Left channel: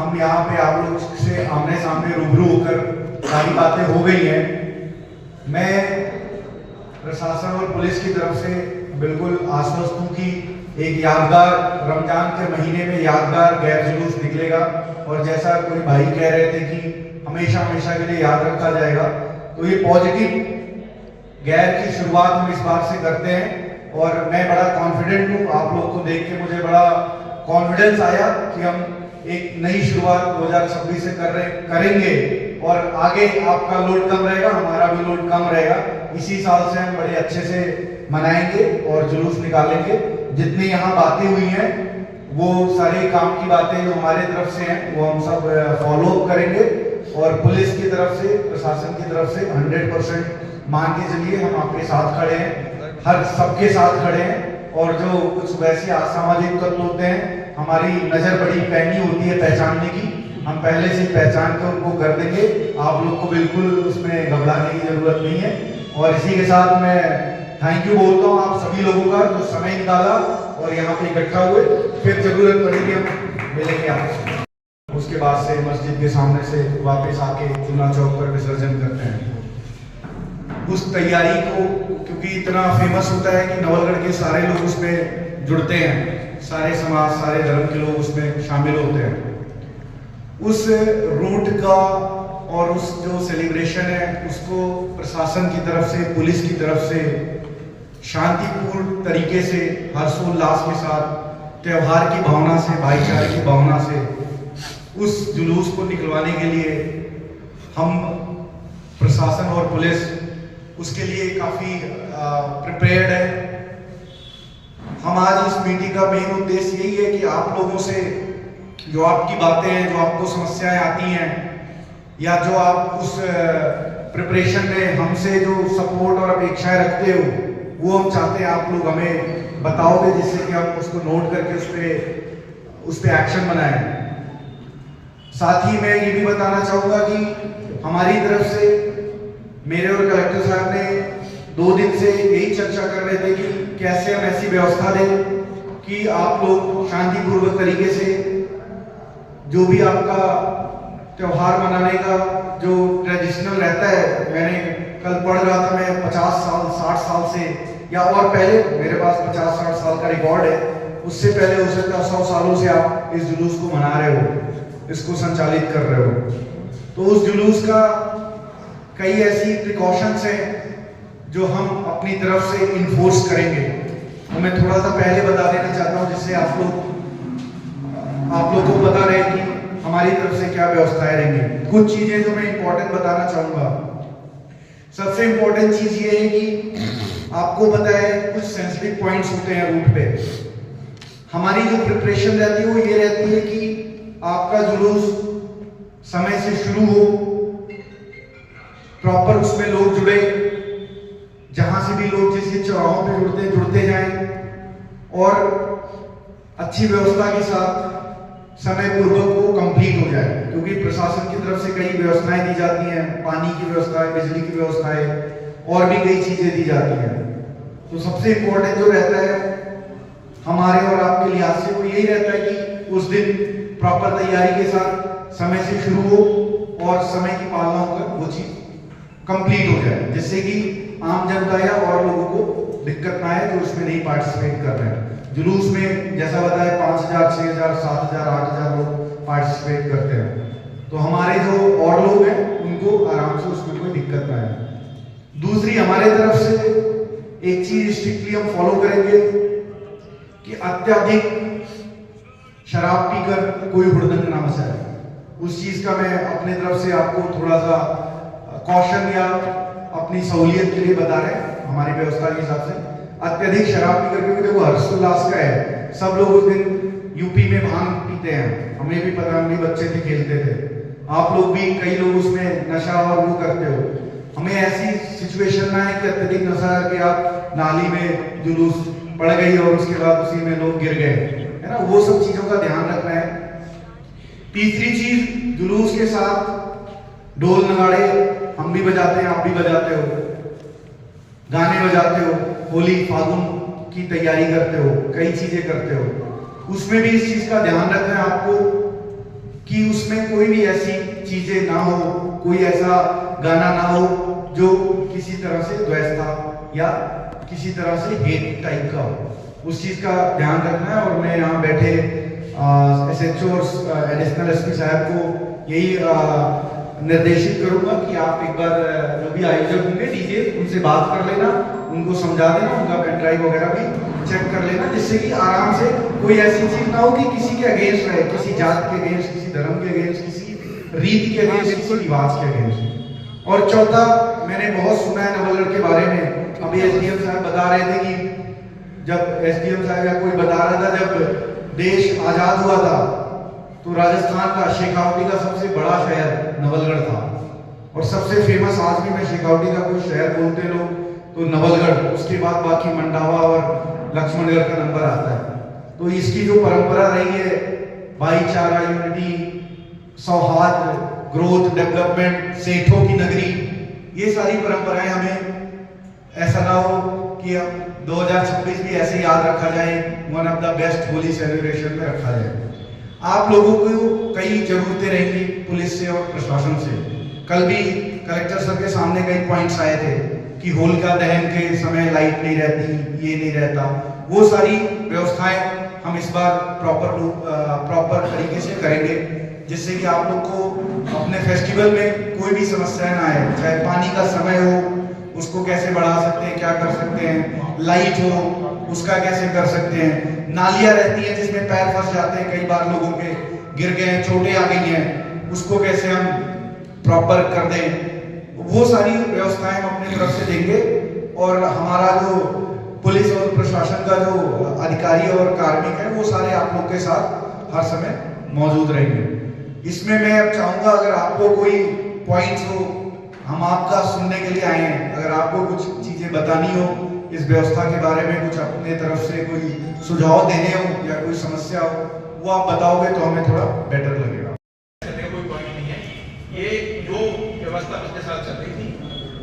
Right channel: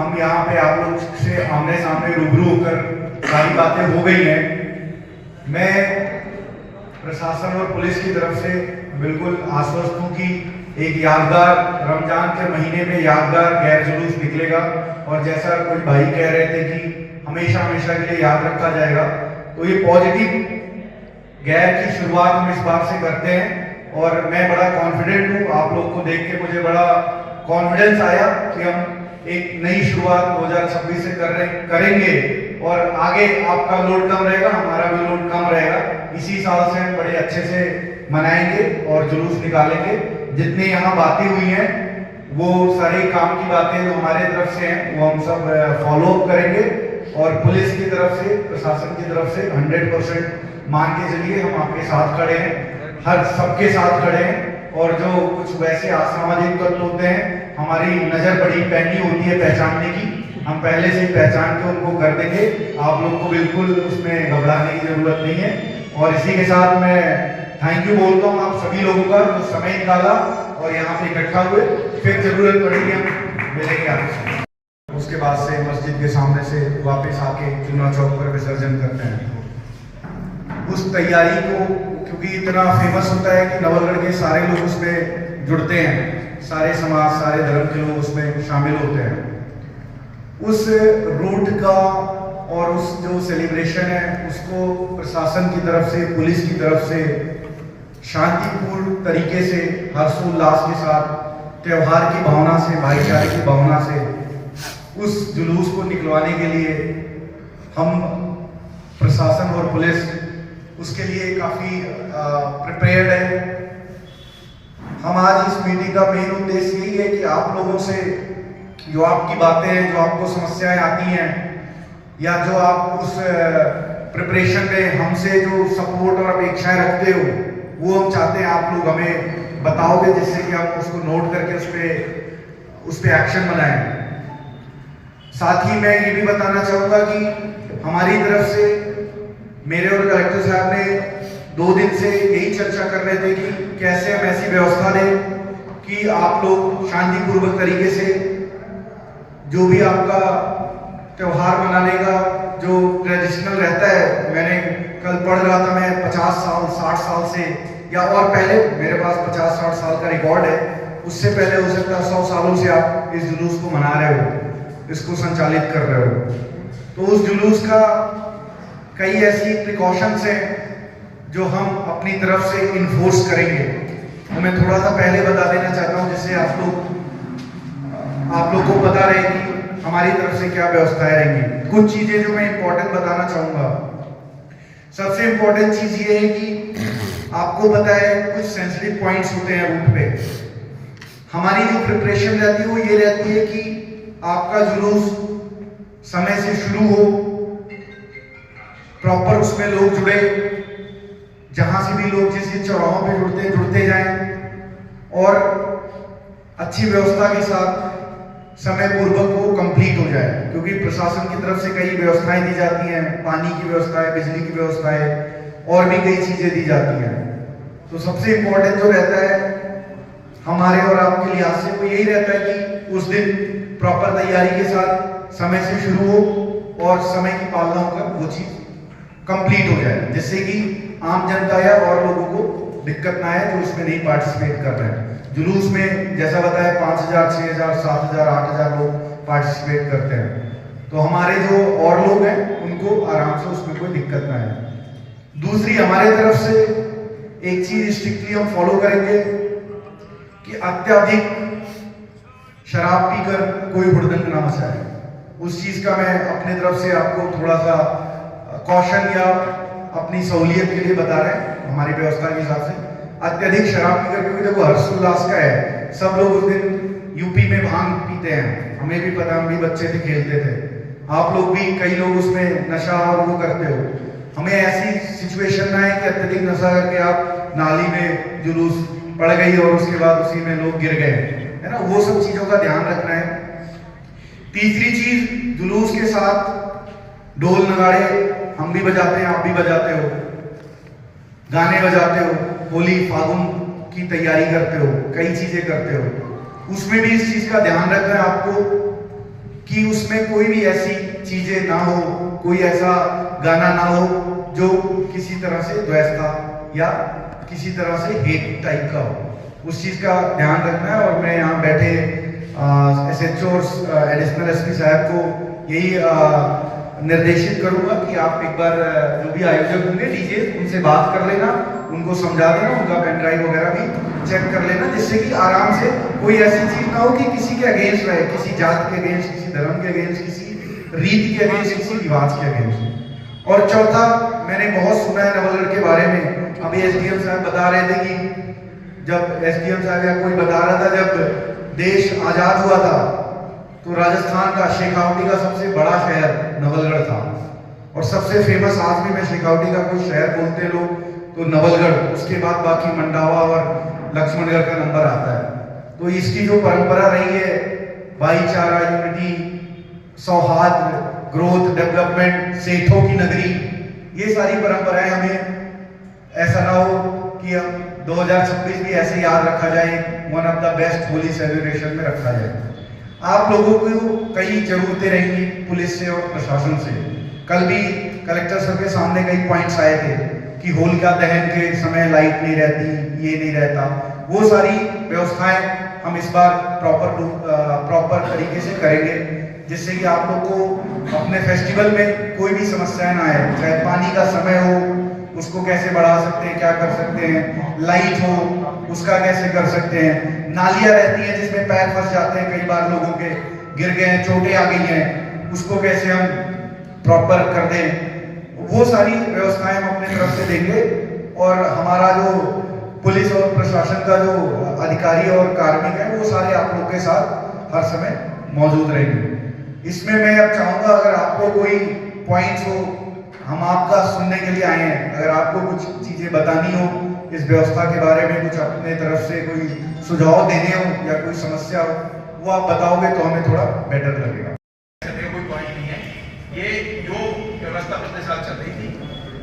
हम यहाँ पे आप लोग से आमने सामने रूबरू होकर सारी बातें हो गई हैं। मैं प्रशासन और पुलिस की तरफ से बिल्कुल आश्वस्त हूँ कि एक यादगार रमजान के महीने में यादगार गैर जुलूस निकलेगा, और जैसा कोई भाई कह रहे थे कि हमेशा हमेशा के लिए याद रखा जाएगा, तो ये पॉजिटिव गैर की शुरुआत हम इस बार से करते हैं। और मैं बड़ा कॉन्फिडेंट हूँ, आप लोग को देख के मुझे बड़ा कॉन्फिडेंस आया कि हम एक नई शुरुआत 2026 से करेंगे, और आगे आपका लोड कम रहेगा, हमारा भी लोड कम रहेगा। इसी साल से हम बड़े अच्छे से मनाएंगे और जुलूस निकालेंगे। जितनी यहाँ बातें हुई हैं वो सारी काम की बातें जो हमारे तरफ से हैं वो हम सब फॉलो अप करेंगे, और पुलिस की तरफ से, प्रशासन की तरफ से 100% मान के चलिए हम आपके साथ खड़े हैं, हर सबके साथ खड़े हैं। और जो कुछ वैसे असामाजिक तत्व होते हैं, हमारी नजर बड़ी पैनी होती है पहचानने की, हम पहले से पहचान के उनको कर देंगे। आप लोग को बिल्कुल उसमें घबराने की जरूरत नहीं है। और इसी के साथ मैं थैंक यू बोलता हूँ आप सभी लोगों का जो समय निकाला और यहाँ पे इकट्ठा हुए। फिर जरूरत पड़ेगी हम मिलेंगे आपसे। उसके बाद से मस्जिद के सामने से वापस आके चुना चौक पर विसर्जन करते हैं। उस तैयारी को क्योंकि इतना फेमस होता है कि नवलगढ़ के सारे लोग उसमें जुड़ते हैं, सारे समाज, सारे धर्म के लोग उसमें शामिल होते हैं। उस रूट का और उस जो सेलिब्रेशन है उसको प्रशासन की तरफ से, पुलिस की तरफ से शांतिपूर्ण तरीके से, हर्षोल्लास के साथ, त्योहार की भावना से, भाईचारे की भावना से उस जुलूस को निकलवाने के लिए हम प्रशासन और पुलिस उसके लिए काफी प्रिपेयर्ड है। हम आज इस मीटिंग का मेन उद्देश्य यही है कि आप लोगों से जो आपकी बातें हैं, जो आपको समस्याएं आती हैं, या जो आप उस प्रिपरेशन में हमसे जो सपोर्ट और अपेक्षाएं रखते हो, वो हम चाहते हैं आप लोग हमें बताओगे, जिससे कि हम उसको नोट करके उस पे एक्शन बनाएं। साथ ही मैं ये भी बताना चाहूंगा कि हमारी तरफ से मेरे और कलेक्टर साहब ने 2 दिन से यही चर्चा कर रहे थे कि कैसे हम ऐसी व्यवस्था लें कि आप लोग शांतिपूर्वक तरीके से जो भी आपका त्योहार मनाने का जो ट्रेडिशनल रहता है, मैंने कल पढ़ रहा था, मैं 50 साल 60 साल से या और पहले, मेरे पास 50-60 साल का रिकॉर्ड है, उससे पहले हो सकता है 100 सालों से आप इस जुलूस को मना रहे हो, इसको संचालित कर रहे हो। तो उस जुलूस का कई ऐसी प्रिकॉशंस हैं जो हम अपनी तरफ से इन्फोर्स करेंगे। तो मैं थोड़ा सा पहले बता देना चाहता हूँ, जिससे आप लोग को पता रहे कि हमारी तरफ से क्या व्यवस्थाएं रहेंगी। कुछ चीजें जो मैं इंपॉर्टेंट बताना चाहूंगा। सबसे इंपॉर्टेंट चीज ये है कि आपको पता है कुछ सेंसिटिव पॉइंट्स होते हैं रूट पे। हमारी जो प्रिपरेशन रहती है वो ये रहती है कि आपका जुलूस समय से शुरू हो, प्रॉपर उसमें लोग जुड़े, जहां से भी लोग जिस चौराहों पे जुड़ते जाएं, और अच्छी व्यवस्था के साथ समय पूर्वक वो कंप्लीट हो जाए। क्योंकि प्रशासन की तरफ से कई व्यवस्थाएं दी जाती हैं, पानी की व्यवस्था है, बिजली की व्यवस्था है, और भी कई चीजें दी जाती हैं। तो सबसे इंपॉर्टेंट जो रहता है हमारे और आपके लिहाज से वो यही रहता है कि उस दिन प्रॉपर तैयारी के साथ समय से शुरू हो और समय की पालना होकर वो चीज कंप्लीट हो जाए, जिससे कि आम जनता या और लोगों को दिक्कत ना आए जो उसमें नहीं पार्टिसिपेट कर रहे हैं। जुलूस में जैसा बताया 5000, 6000, 7000, 8000 लोग पार्टिसिपेट करते हैं, तो हमारे जो और लोग हैं उनको आराम से उसमें कोई दिक्कत ना आए। दूसरी हमारे तरफ से एक चीज स्ट्रिक्टली हम फॉलो करेंगे कि अत्यधिक शराब पीकर कोई हुड़दंग ना मचाए। उस चीज का मैं अपनी तरफ से आपको थोड़ा सा कॉशन या अपनी सहूलियत के लिए बता रहे हैं हमारी व्यवस्था के हिसाब से। अत्यधिक शराब पीकर, क्योंकि देखो हर्षोल्लास का है, सब लोग उस दिन यूपी में भांग पीते हैं, हमें भी पता, हम भी बच्चे थे खेलते थे, आप लोग भी, कई लोग उसमें नशा और वो करते हो। हमें ऐसी सिचुएशन ना है कि अत्यधिक नशा करके आप नाली में जुलूस पड़ गई और उसके बाद उसी में लोग गिर गए, है ना, वो सब चीजों का ध्यान रखना है। तीसरी चीज, जुलूस के साथ ढोल नगाड़े हम भी बजाते हैं, आप भी बजाते हो, गाने बजाते हो, होली फागुन की तैयारी करते हो, कई चीजें करते हो, उसमें भी इस चीज का ध्यान रखना है आपको कि उस इसमें कोई भी ऐसी चीजें ना हो, कोई ऐसा गाना ना हो जो किसी तरह से द्वेषता या किसी तरह से हेट टाइप का हो। उस चीज का ध्यान रखना है। और मैं यहाँ बैठे SHO और एडिशनल SP साहब को यही निर्देशित करूंगा कि आप एक बार जो भी आयोजक होंगे डीजे उनसे बात कर लेना, उनको समझा देना, उनका पेन ड्राइव वगैरह भी चेक कर लेना, जिससे कि आराम से कोई ऐसी चीज ना हो कि किसी के अगेंस्ट रहे, किसी जात के अगेंस्ट, किसी धर्म के अगेंस्ट, किसी रीति के अगेंस्ट, किसी रिवाज के अगेंस्ट। और चौथा, मैंने बहुत सुना है नवलगढ़ के बारे में। अभी SDM साहब बता रहे थे कि जब SDM साहब या कोई बता रहा था जब देश आजाद हुआ था तो राजस्थान का शेखावटी का सबसे बड़ा शहर नवलगढ़ था। और सबसे फेमस आज भी मैं शेखावटी का कोई शहर बोलते लोग तो नवलगढ़, उसके बाद बाकी मंडावा और लक्ष्मणगढ़ का नंबर आता है। तो इसकी जो परंपरा रही है, भाईचारा, यूनिटी, सौहार्द, ग्रोथ, डेवलपमेंट, सेठों की नगरी, ये सारी परंपराएं हमें ऐसा ना हो कि हम 2026 भी ऐसे याद रखा जाए, one of the best Holi celebration में रखा जाए। आप लोगों को कई जरूरतें रहेंगी पुलिस से और प्रशासन से। कल भी कलेक्टर साहब के सामने कई पॉइंट्स आए थे कि होलिका दहन के समय लाइट नहीं रहती, ये नहीं रहता। वो सारी व्यवस्थाएं हम इस बार प्रॉपर तरीके से करेंगे, जिससे कि आप लोग को अपने फेस्टिवल में कोई भी समस्या ना आए। चाहे पानी का समय हो, उसको कैसे बढ़ा सकते हैं, क्या कर सकते हैं, लाइट हो उसका कैसे कर सकते हैं, नालियां रहती हैं जिसमें पैर फंस जाते हैं, कई बार लोगों के गिर गए हैं, चोटें आ गई हैं, उसको कैसे हम प्रॉपर कर दें। वो सारी व्यवस्थाएं हम अपनी तरफ से देंगे। और हमारा जो पुलिस और प्रशासन का जो अधिकारी और कार्मिक है वो सारे आप लोग के साथ हर समय मौजूद रहेंगे। इसमें मैं अब चाहूंगा, अगर आपको कोई पॉइंट्स हो, हम आपका सुनने के लिए आए हैं, अगर आपको कुछ चीजें बतानी हो इस व्यवस्था के बारे में, कुछ अपने तरफ से कोई सुझाव देने हो या कोई समस्या हो, वो आप बताओगे तो हमें थोड़ा बेटर लगेगा। कोई पॉइंट नहीं है, ये जो व्यवस्था पिछले साल चल रही थी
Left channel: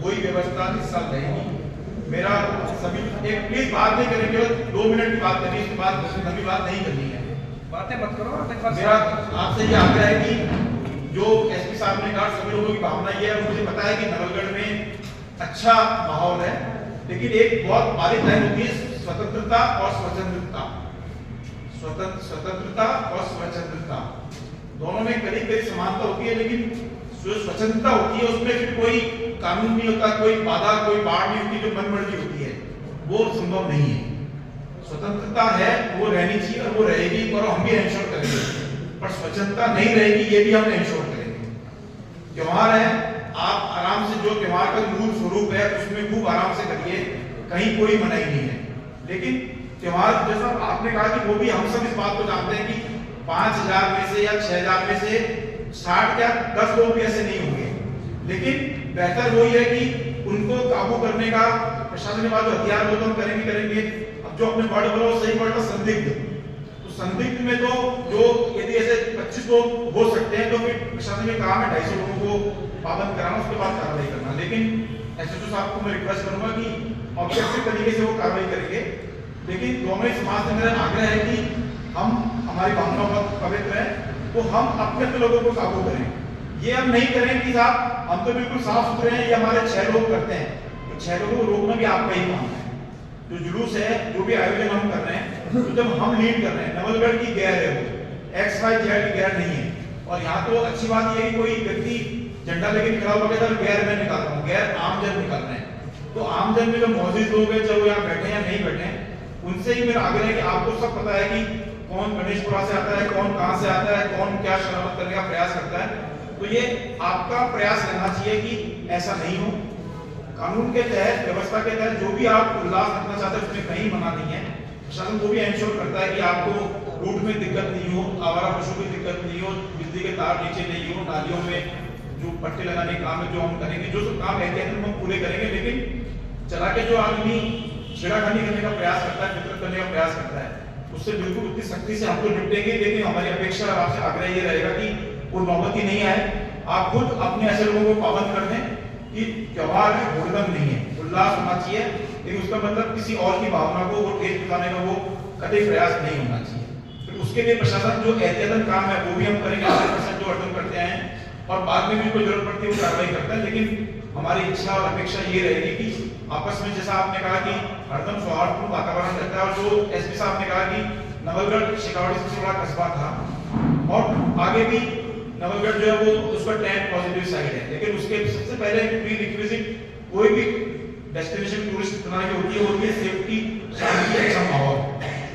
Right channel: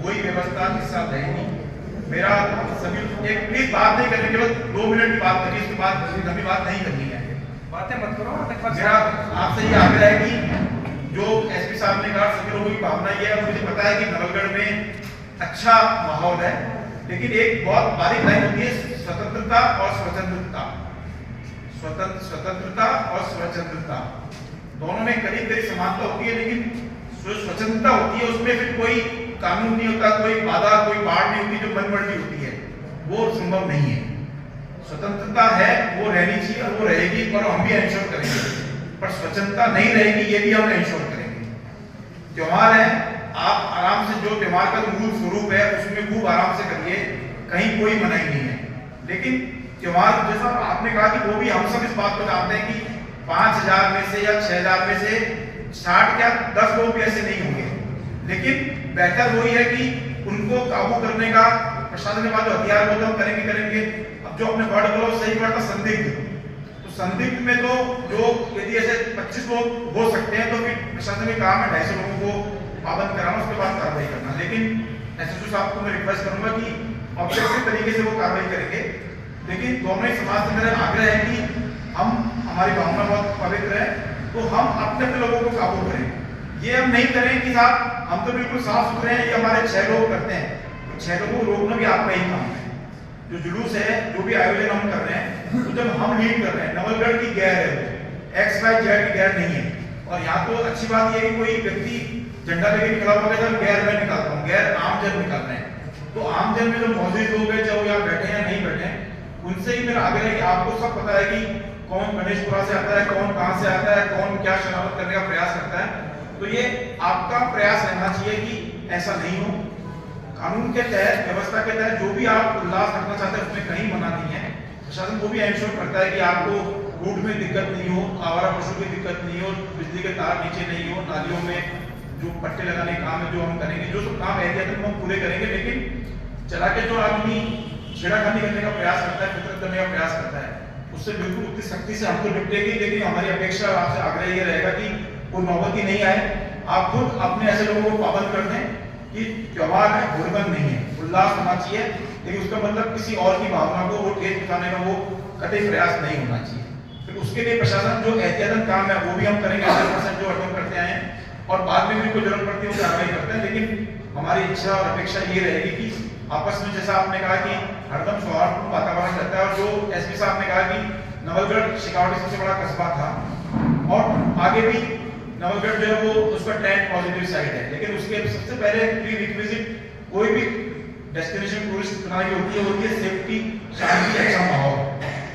वही व्यवस्था इस साल रहेगी। मेरा सभी एक प्लीज बात नहीं करें, केवल 2 मिनट की बात करिए, इसके बाद लंबी बात नहीं करनी है, बातें मत करो। मेरा आपसे ये आग्रह है कि जो SP साहब ने कहा, सभी लोगों की भावना ये है। मुझे पता है कि नवलगढ़ में अच्छा माहौल है, लेकिन एक बहुत बारीक लाइन होती है स्वतंत्रता और स्वतंत्रता। स्वतंत्रता और स्वतंत्रता दोनों में करीब करीब समानता होती है, लेकिन जो स्वतंत्रता होती है उसमें फिर कोई कानून नहीं होता, कोई बाधा, कोई बाढ़ नहीं होती, जो मनमर्जी होती है वो संभव नहीं है। स्वतंत्रता है, वो रहनी चाहिए और वो रहेगी, पर हम भी इंश्योर करेंगे। पर स्वतंत्रता नहीं रहेगी, ये भी हम इंश्योर करेंगे। त्योहार है, आप आराम से, जो त्योहार का मूल स्वरूप है उसमें खूब आराम से करिए, कहीं कोई मनाही नहीं है। लेकिन त्योहार जैसा आपने कहा कि वो भी हम सब इस बात को जानते हैं कि 5000 में से या 6000 में से 60 या 10 लोग भी ऐसे नहीं होंगे, लेकिन बेहतर वही है कि उनको काबू करने का प्रशासन के पास जो हथियार वो तो हम करेंगे। अब जो अपने वर्ड बोलो, सही वर्ड था संदिग्ध, तो संदिग्ध में तो जो यदि ऐसे 25 लोग हो सकते हैं तो फिर प्रशासन ने कहा मैं 250 लोगों को पाबंद कराना, उसके बाद कार्रवाई करना। लेकिन SHO साहब को मैं रिक्वेस्ट करूंगा कि ऑब्जेक्टिव तरीके से वो कार्रवाई करेंगे। लेकिन दोनों ही समाज से मेरा आग्रह है कि हम, हमारी भावना बहुत पवित्र है, तो हम अपने लोगों को काबू करें। ये हम नहीं करें कि साहब हम तो बिल्कुल साफ सुथरे हैं, ये हमारे 6 लोग करते हैं, तो 6 लोगों को रोकना भी आपका ही काम है। जो जुलूस है, जो भी आयोजन हम कर रहे हैं, तो जब हम लीड कर रहे हैं, नवलगढ़ की गैर है, वो XYZ की गैर नहीं है। और यहाँ तो अच्छी बात यह है कि कोई व्यक्ति झंडा लेके निकला हुआ है, गैर मैं निकालता हूँ, गैर आमजन निकाल रहे हैं। तो आमजन में जो मौजूद लोग हैं, चाहे वो यहाँ बैठे हैं नहीं बैठे हैं, उनसे ही मेरा आग्रह है कि आपको सब पता है कि कौन गणेशपुरा से आता है, कौन कहाँ से आता है, कौन क्या शरारत करने का प्रयास करता है। तो ये आपका प्रयास रहना चाहिए कि ऐसा नहीं हो। कानून के तहत, व्यवस्था के तहत जो भी आप उल्लास रखना चाहते हैं उसमें कहीं मना नहीं है। प्रशासन वो भी इंश्योर करता है कि आपको रूट में दिक्कत नहीं हो, आवारा पशु की दिक्कत नहीं हो, बिजली के तार नीचे नहीं हो, नालियों में जो पट्टे लगाने के काम है जो हम करेंगे, जो सब काम एहतियातन हम पूरे करेंगे। लेकिन चला के जो आदमी छेड़खानी करने का प्रयास करता है, फितरत करने का प्रयास करता है, उससे बिल्कुल उतनी सख्ती से हमको निपटेंगे। लेकिन हमारी अपेक्षा आपसे आग्रह ये रहेगा कि कोई नौबत ही नहीं आए। आप खुद अपने ऐसे लोगों को पाबंद कर दें कि त्योहार है, होलिका नहीं है, उल्लास होना चाहिए, लेकिन उसका मतलब किसी और की भावना को वो ठेस दिखाने का वो कतई प्रयास नहीं होना चाहिए। फिर उसके लिए प्रशासन जो एहतियातन काम है वो भी हम करेंगे, 100% जो अटम करते हैं करते आए हैं और बाद में भी कोई जरूरत पड़ती है वो कार्रवाई करते हैं। लेकिन हमारी इच्छा और अपेक्षा ये रहेगी कि आपस में, जैसा आपने कहा कि हरदम सौहार्दपूर्ण वातावरण रहता है, और जो एसपी साहब ने कहा कि नवलगढ़ शेखावाटी सबसे बड़ा कस्बा था और आगे भी नवलगढ़ जो है वो उसका ट्रेंड पॉजिटिव साइड है, लेकिन उसके सबसे पहले प्री रिक्विजिट कोई भी डेस्टिनेशन टूरिस्ट बनाने की होती है सेफ्टी, शांति, अच्छा माहौल।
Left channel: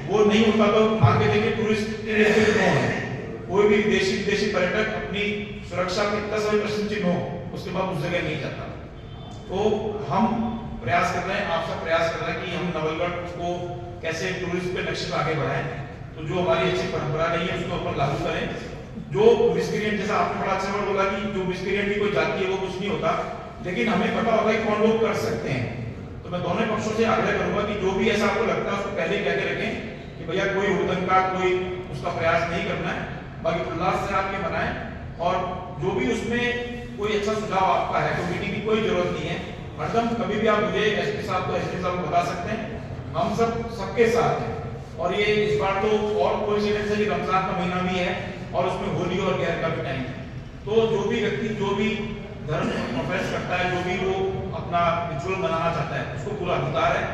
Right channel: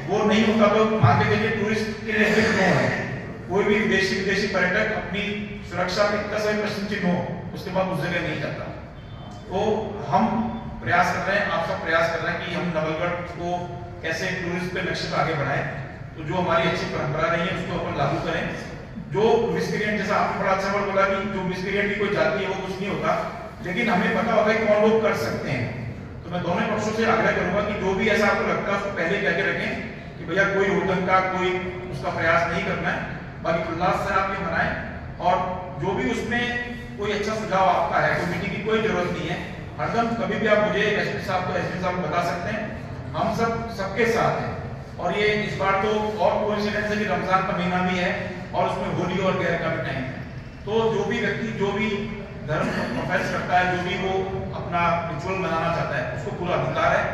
वो नहीं होता तो मान के चलिए टूरिस्ट के लिए नो है, कोई भी विदेशी पर्यटक अपनी सुरक्षा पे इतना समय प्रश्न चिन्ह हो उसके बाद उस जगह नहीं जाता। तो हम प्रयास कर रहे हैं, आप सब प्रयास कर रहे हैं कि हम नवलगढ़ को कैसे टूरिस्ट के नक्शे पर आगे बढ़ाएं। तो जो हमारी अच्छी परंपरा रही है उसको अपन लागू करें। जो मिसक्रिएंट, जैसा आपने बड़ा अच्छा वर्ड बोला कि जो मिसक्रिएंट की कोई जाति है वो कुछ नहीं होता, लेकिन हमें पता होगा कि कौन लोग कर सकते हैं। तो मैं दोनों पक्षों से आग्रह करूंगा कि जो भी ऐसा आपको लगता है उसको पहले कह के रखें कि भैया कोई हुड़दंग का कोई उसका प्रयास नहीं करना है, बाकी उल्लास से आप ये बनाएं। और जो भी उसमें कोई अच्छा सुझाव आपका है, कमेटी की कोई जरूरत नहीं है, हरदम कभी भी आप मुझे एसपी साहब को बता सकते हैं, हम सबके साथ हैं। और ये इस बार तो और कोइंसिडेंस है कि रमजान का महीना भी है और उसमें होली और गैर का भी टाइम है। तो जो भी व्यक्ति जो भी धर्म प्रोफेस करता है, जो भी वो अपना रिचुअल मनाना चाहता है, उसको पूरा अधिकार है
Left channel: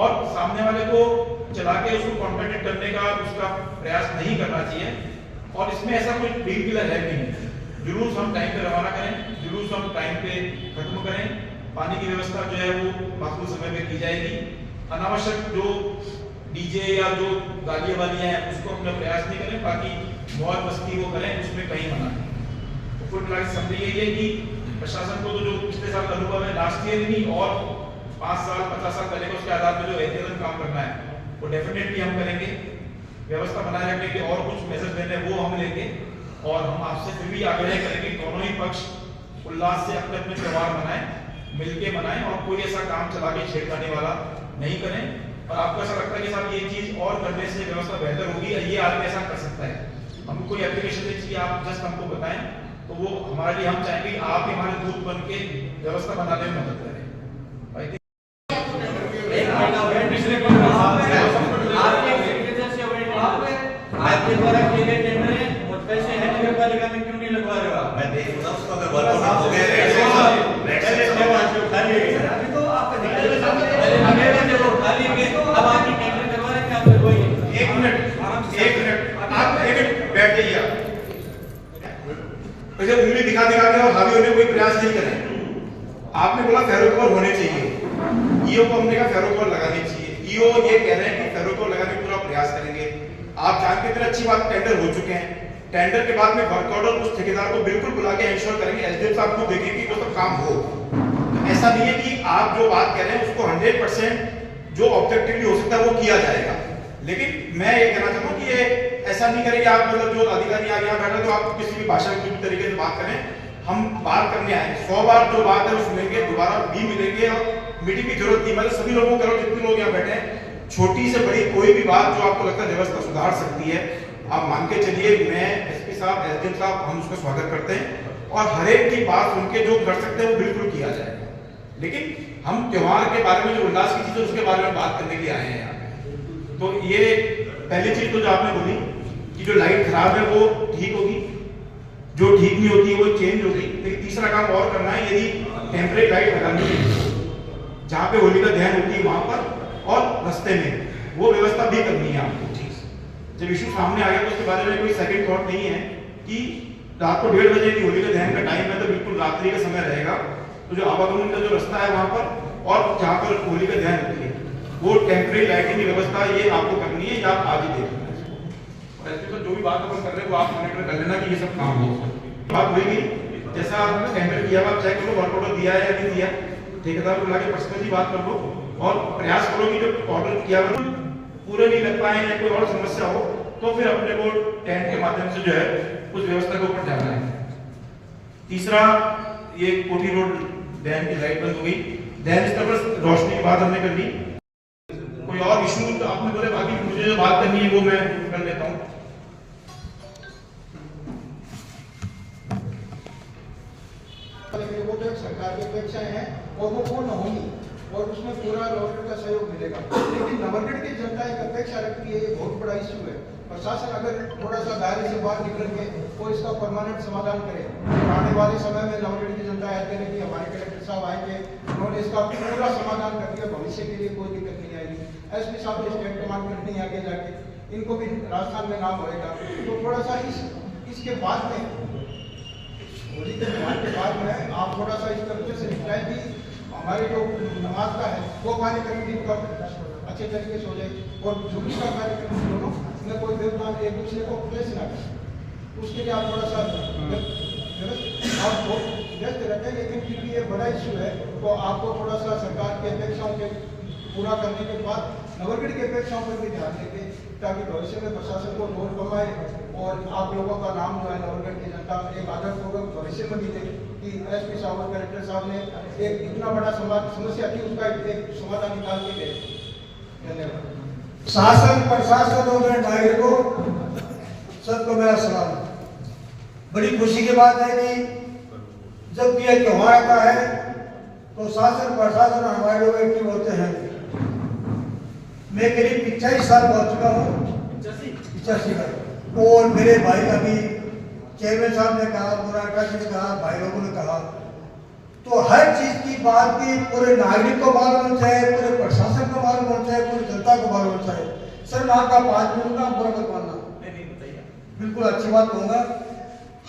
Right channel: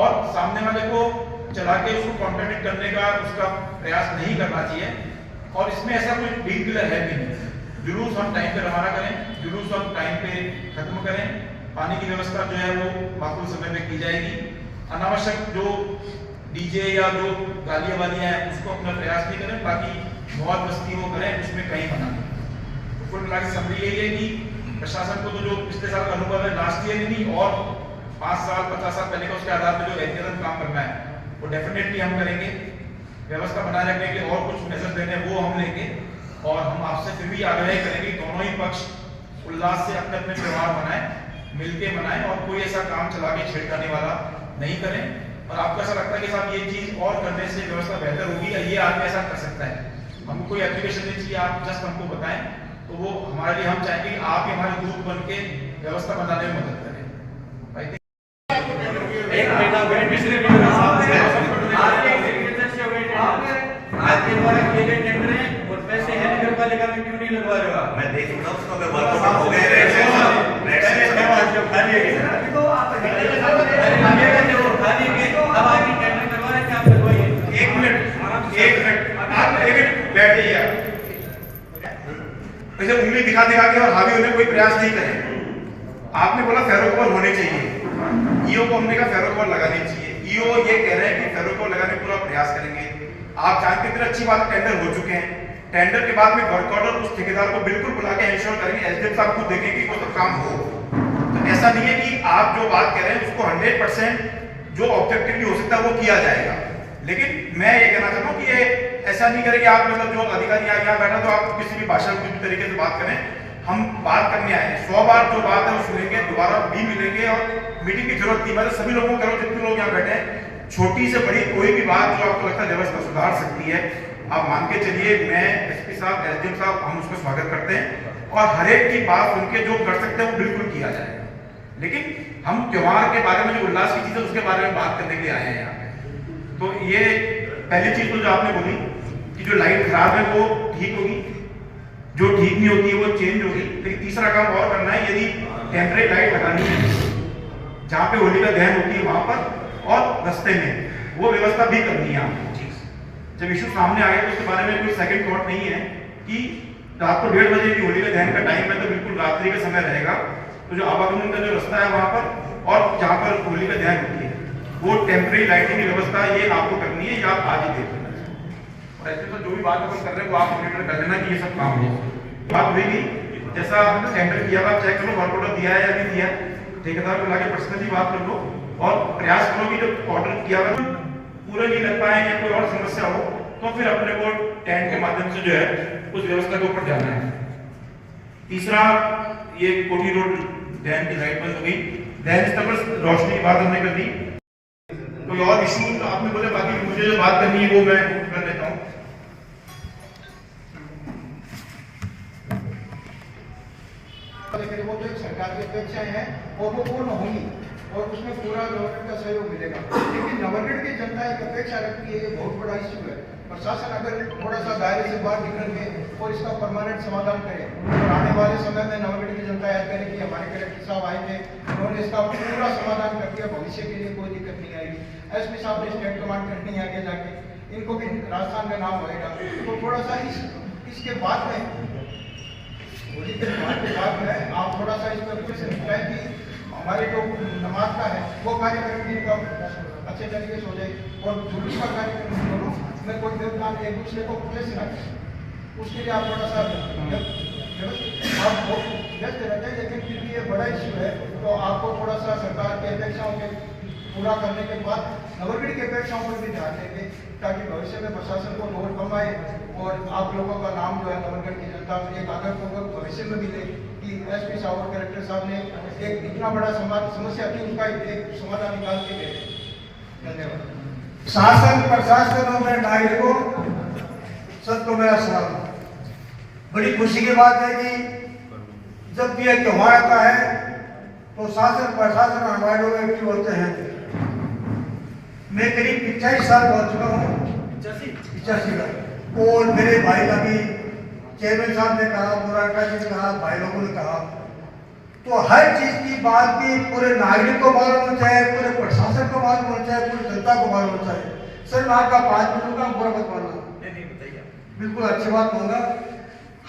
और सामने वाले को चला के उसको कॉन्ट्रडिक्ट करने का उसका प्रयास नहीं करना चाहिए। और इसमें ऐसा कोई डील किलर है भी नहीं। जुलूस हम टाइम पे रवाना करें, जुलूस हम टाइम पे खत्म करें, पानी की व्यवस्था जो है वो माकूल समय पे की जाएगी। अनावश्यक जो डीजे या जो गालियां वालियां हैं उसको अपना प्रयास नहीं करें, बाकी मौज मस्ती वो करें, उसमें कहीं बना। तो कुल मिला के समझ यही है कि प्रशासन को तो जो पिछले साल का अनुभव है, लास्ट ईयर ही नहीं और 5 साल 50 साल पहले का, उसके आधार पर जो एहतियातन काम करना है वो डेफिनेटली हम करेंगे। व्यवस्था बनाए रखने के और कुछ मेजर देने वो हम लेंगे। और हम आपसे फिर भी आग्रह करेंगे दोनों ही पक्ष उल्लास से अपने अपने त्योहार मनाएं, मिलके मनाएं और कोई ऐसा काम चला के छेड़खानी वाला नहीं करें। और आपको ऐसा लगता है कि साहब ये चीज और करने से व्यवस्था बेहतर होगी या ये आदमी ऐसा कर सकता है, हमको कोई एप्लीकेशन नहीं चाहिए, आप जस्ट हमको बताएं, तो वो हमारे लिए हम चाहेंगे कि आप हमारे दूत बन के व्यवस्था बनाने में मदद करें। आपके द्वारा किए गए टेंडर है और पैसे नगरपालिका में क्यों नहीं लगवा रहे हो आप? मैं देखूंगा उसको, अगर वर्कआउट हो गए रेड से जो खाली है अभी तो आप लगेगा जब वो खाली है अब आपकी टेंडर करवा रहे हैं, आप करवाइए। एक मिनट आप एक मिनट बैठ जाइए। वैसे उंगली दिखा के और हावी होने कोई प्रयास नहीं करें। आपने बोला फेरोकोर होने चाहिए, ईओ को हमने कहा फेरोकोर लगानी चाहिए। ईओ ये कह रहे हैं कि फेरोकोर लगाने का पूरा प्रयास करेंगे। आप जानते हैं अच्छी बात, टेंडर हो चुके हैं, टेंडर के बाद में वर्क ऑर्डर उस ठेकेदार को बिल्कुल बुला के इंश्योर करेंगे, एसडीएम साहब को देखेंगे कि वो तो काम हो। तो ऐसा नहीं है कि आप जो बात कह रहे हैं उसको 100% जो ऑब्जेक्टिवली हो सकता है वो किया जाएगा। लेकिन मैं ये कहना चाहता हूँ कि ये ऐसा नहीं करें कि आप मतलब जो अधिकारी यहाँ बैठा तो आप किसी भी भाषा में किसी तरीके से बात करें। हम बात करने आए हैं, 100 बार जो बात है वो सुनेंगे, दोबारा भी मिलेंगे और मीटिंग की जरूरत नहीं। मतलब सभी लोगों को करो, जितने लोग यहाँ बैठे हैं, छोटी से बड़ी कोई भी बात जो आपको लगता है व्यवस्था सुधार सकती है, आप मान के चलिए। मैं एसपी साहब, एसडीएम साहब, हम उसका स्वागत करते हैं और हर एक की बात उनके जो कर सकते हैं वो बिल्कुल किया जाएगा। लेकिन हम त्योहार के बारे में जो उल्लास की चीज है उसके बारे में बात करने के लिए आए हैं यहाँ पे। तो ये पहली चीज तो जो आपने बोली कि जो लाइट खराब है वो ठीक होगी, जो ठीक नहीं होती है वो चेंज होगी। लेकिन तीसरा काम और करना है, यदि टेम्परेरी लाइट लगानी है जहाँ पे होली का दहन होती है वहां पर और रास्ते में वो व्यवस्था भी करनी है आपको। जब इशू सामने आ गया तो उसके बारे में कोई सेकंड थॉट नहीं है कि रात को 1:30 बजे की होली का दहन का टाइम है तो बिल्कुल रात्रि का समय रहेगा। तो जो आवागमन का जो रास्ता है वहां पर और जहां पर होली का दहन होती है वो टेम्परेरी लाइटिंग की व्यवस्था ये आपको करनी है, या आप आज ही देख लेना। और ऐसे तो जो भी बात अपन कर रहे हैं वो आप मॉनिटर कर लेना कि ये सब काम हो। बात होगी जैसा टेंडर किया हुआ चेक करो, वर्क ऑर्डर दिया है या नहीं दिया, ठेकेदार को लाके पर्सनली बात कर लो और प्रयास करो कि जो ऑर्डर किया हुआ पूरे नहीं लग पाए या कोई और समस्या हो तो फिर अपने को टेंट के माध्यम से जो है उस व्यवस्था के ऊपर जाना है। तीसरा, ये कोठी रोड डैम की लाइट बंद हो गई, डैम स्तर पर रोशनी की बात हमने कर ली। कोई और इशू तो आपने बोले, बाकी मुझे जो बात करनी है वो मैं कर लेता हूँ। लेकिन वो तो एक सरकार की अपेक्षाएं हैं और वो पूर्ण होंगी और उसमें पूरा गवर्नमेंट का सहयोग मिलेगा। लेकिन नवलगढ़ की जनता एक अपेक्षा रखती है, ये बहुत बड़ा इश्यू है प्रशासन अगर थोड़ा सा दायरे से बाहर निकल के और इसका परमानेंट समाधान करे और आने वाले समय में नवगढ़ की जनता याद करेगी हमारे कलेक्टर साहब आएंगे, उन्होंने इसका पूरा समाधान कर दिया, भविष्य के लिए कोई दिक्कत नहीं आएगी। एसपी साहब ने स्टेट कमांड करनी है आगे जाके, इनको भी राजस्थान में नाम होएगा। तो थोड़ा सा इसके बाद में होली के बाद में आप थोड़ा सा इस तरीके से निपटाएं कि हमारे जो नमाज का है वो कार्यक्रम भी इनका अच्छे तरीके से हो जाए और जुलूस का कार्यक्रम दोनों में कोई व्यवधान एक दूसरे को कैसे ना करें, उसके लिए आप थोड़ा सा आप व्यस्त रहते हैं। लेकिन फिर भी ये बड़ा इश्यू है, तो आपको थोड़ा सा सरकार की अपेक्षाओं के पूरा करने के बाद नवगढ़ की अपेक्षाओं पर भी ध्यान देंगे, ताकि भविष्य में प्रशासन को लोड कम आए और आप लोगों का नाम जो है नवगढ़ की जनता में एक आदरपूर्वक भविष्य में मिले कि एसपी साहब और कलेक्टर साहब ने एक इतना बड़ा समस्या थी उसका एक समाधान निकाल के गए। धन्यवाद। शासन प्रशासन और नागरिकों सबको मेरा सलाम। बड़ी खुशी की बात है कि जब भी एक त्योहार आता है तो शासन प्रशासन हमारे लोग एक्टिव होते हैं। मैं करीब 28 साल पहुंच चुका हूँ, 85 का, और मेरे भाई का भी चेयरमैन साहब ने कहा, मुरारका जी ने कहा, भाई लोगों ने कहा, तो हर चीज की बात की पूरे नागरिक को मालूम होना चाहिए, पूरे प्रशासन को मालूम होना चाहिए, पूरी जनता को मालूम होना चाहिए। सर मैं आपका 5 मिनट का पूरा बताना बिल्कुल अच्छी बात होगा।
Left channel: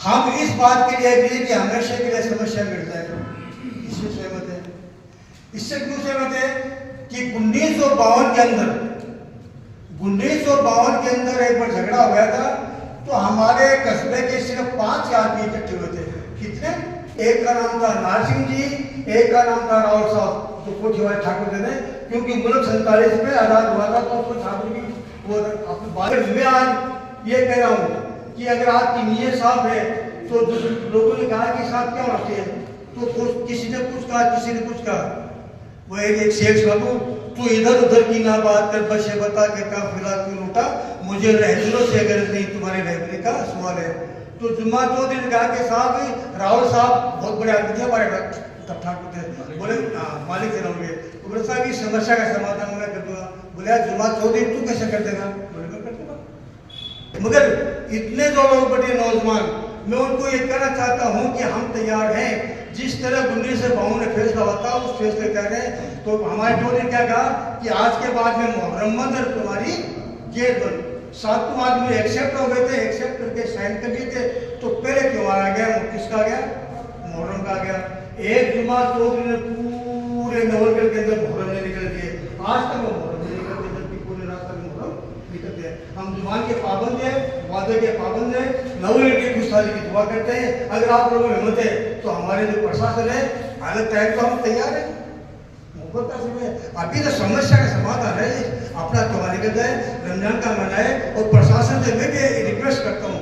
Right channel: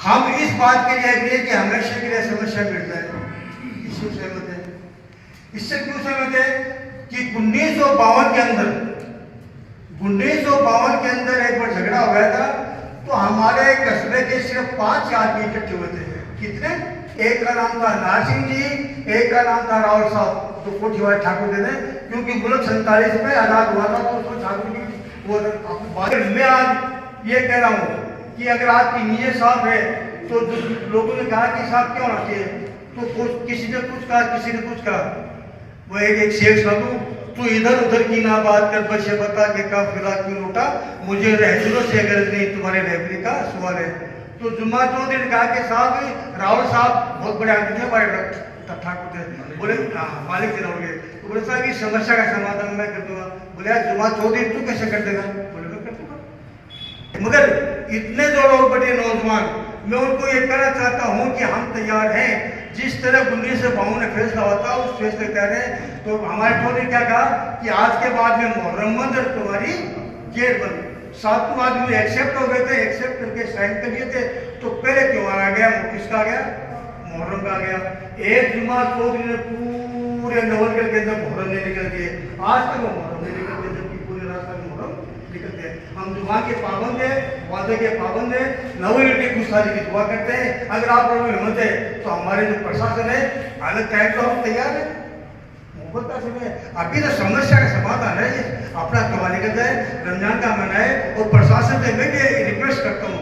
हम इस बात के लिए एग्री कि हमेशा के लिए समस्या मिल जाए, इससे सहमत है। इससे क्यों सहमत है कि 1952 के अंदर एक बार झगड़ा हो गया था, तो हमारे कस्बे के सिर्फ 5 आदमी इकट्ठे हुए थे। कितने? एक का नाम था नारसिंह जी, एक का नाम था रावल साहब, जो कोठीवाल ठाकुर थे, क्योंकि मुल्क 47 में आजाद हुआ था, तो उसको ठाकुर की वो। मैं आज ये कह रहा हूँ कि अगर आपकी नीयत साफ है, तो लोगों ने कहा कि साहब क्या होना चाहिए, तो किसी ने कुछ कहा, किसी ने कुछ कहा। वो एक शेर सुना, तू इधर उधर की ना बात कर, बस ये बता के काफिला क्यों लूटा, मुझे रहजरों से गरज नहीं, तुम्हारे रहने का सवाल है। तो जुम्मा चौधरी ने कहा कि साहब राहुल साहब बहुत बड़े आदमी थे, हमारे ठाकुर थे, बोले मालिक से रहोगे, तो बोले साहब इस समस्या का समाधान मैं कर दूंगा। बोले जुम्मा चौधरी तू कैसे कर देगा? बोले मैं कर दूंगा। मगर इतने जो लोग बड़े नौजवान, मैं उनको ये कहना चाहता हूँ कि हम तैयार हैं, जिस तरह 1952 में फैसला होता उस फैसले कह रहे हैं। तो हमारे चौधरी क्या कहा कि आज के बाद में मुहर्रम बंद और तुम्हारी जेल बंद। 7 आदमी एक्सेप्ट हो गए थे, एक्सेप्ट करके साइन कर दिए थे। तो पहले त्योहार आ गया, किसका आ गया? मुहर्रम का आ गया। एक जुमा चौधरी ने पूरे नवलगढ़ के अंदर मुहर्रम नहीं निकल दिए, आज तक मुहर्रम नहीं निकलते, जबकि पूरे रास्ते मुहर्रम निकलते हैं। हम जुबान के पाबंद है, वादे के पाबंद है, नवलगढ़ की खुशहाली की दुआ करते हैं। अगर आप लोगों में हिम्मत है तो हमारे जो प्रशासन है अलग टाइम तो हम तैयार है। मोहब्बत का समय अभी तो समस्या का समाधान है, अपना त्योहार निकलता है, रमजान का मनाए। और प्रशासन से मैं भी रिक्वेस्ट करता हूँ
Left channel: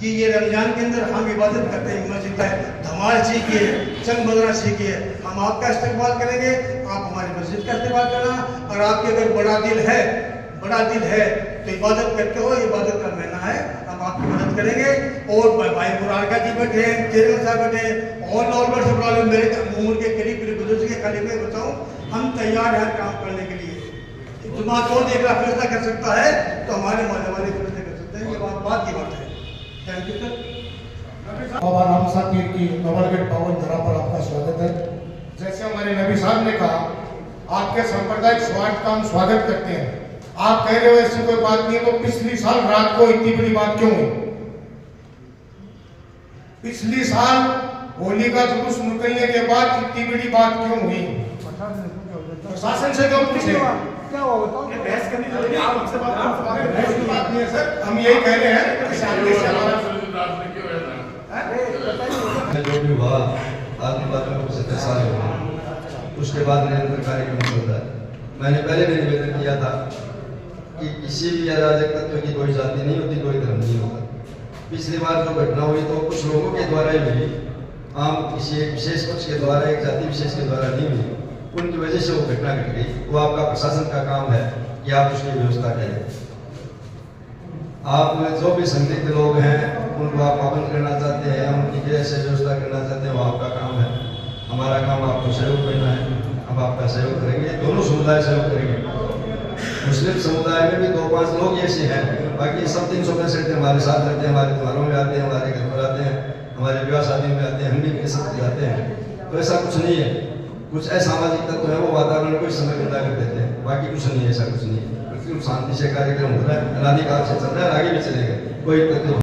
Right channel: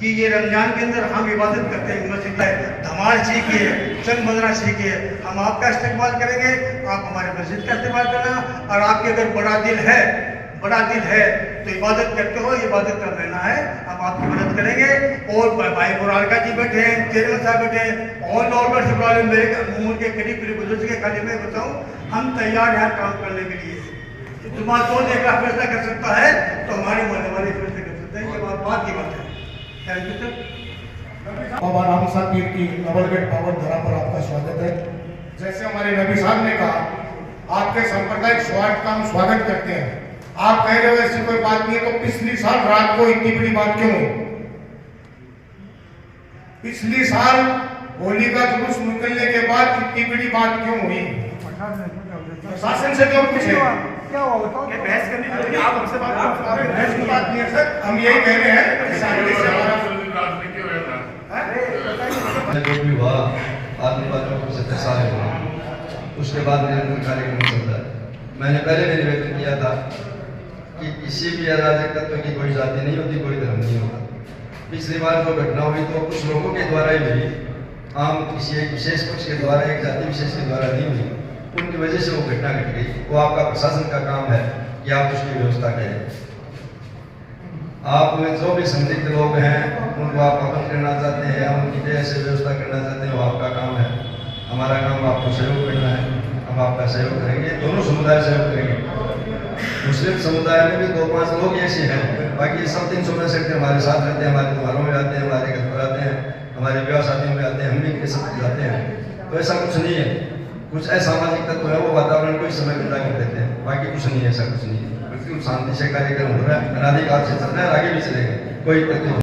कि ये रमजान के अंदर हम इबादत करते हैं, मस्जिद में धमाल सीखिए, चंग मदरा सीखिए। हम आपका इस्तेमाल करेंगे, आप हमारे मस्जिद का इस्तेमाल करना। और आपके अगर बड़ा दिल है तो इबादत करते हो, इबादत का महीना है, हम आपकी मदद करेंगे। और भाई मुरारका जी बैठे हैं, चेयरमैन साहब बैठे, और नॉर्मल से प्रॉब्लम मेरे उम्र के करीब बुजुर्ग के खाली मैं बताऊँ, हम तैयार हैं काम करने के लिए। जुमा कौन एक फैसला कर सकता है तो हमारे मोहल्ले वाले फैसला कर सकते हैं, ये बात की बात है। Thank you sir. Baba Ramsa Pir की नवलगढ़ पावन धरा पर आपका स्वागत है। जैसे हमारे नबी साहब ने कहा, आपके सांप्रदायिक स्वागत का हम स्वागत करते हैं। आप कह रहे हो ऐसी कोई बात नहीं है, तो पिछली साल रात को इतनी बड़ी बात क्यों हुई? पिछली साल होली का जुलूस निकलने के बाद इतनी बड़ी बात क्यों हुई? प्रशासन से क्यों पूछे? क्या हुआ बताओ? बहस करनी जरूरी है, आप हमसे बहस की बात नहीं है सर, हम यही कह रहे हैं कि शांति से हमारा जो भी हुआ आदिवासियों को 70 साल हुआ, उसके बाद निरंतर कार्यक्रम चलता है। मैंने पहले भी निवेदन किया था कि किसी भी अराजक तत्व की कोई जाति नहीं होती, कोई धर्म नहीं होता। पिछली बार जो घटना हुई तो कुछ लोगों के द्वारा ही हुई, आम किसी एक विशेष पक्ष के द्वारा, एक जाति विशेष के द्वारा नहीं हुई। उनकी वजह से वो घटना घट गई। वो आपका प्रशासन का काम है कि आप उसकी व्यवस्था करें। आप में जो भी संदिग्ध लोग हैं उनको आप पाबंद करना चाहते हैं, उनकी जैसे व्यवस्था करना चाहते हैं, वो आपका काम है। हमारा काम आपको सहयोग करना है, हम आपका सहयोग करेंगे, दोनों समुदाय सहयोग करेंगे। मुस्लिम समुदाय में भी 2-5 लोग ऐसे हैं, बाकी सब 365 दिन हमारे साथ रहते हैं, हमारे त्योहारों में आते हैं, हमारे घर पर आते हैं, हमारे विवाह शादियों में आते हैं, हम भी इनके साथ जाते हैं। तो ऐसा कुछ नहीं है, कुछ असामाजिक तत्व है वो वातावरण को इस समय पैदा कर देते हैं, बाकी कुछ नहीं है, ऐसा कुछ नहीं है। बिल्कुल शांति से कार्यक्रम हो रहा है, अनाधिकाल से चल रहा है, आगे भी चलेगा, कोई तकलीफ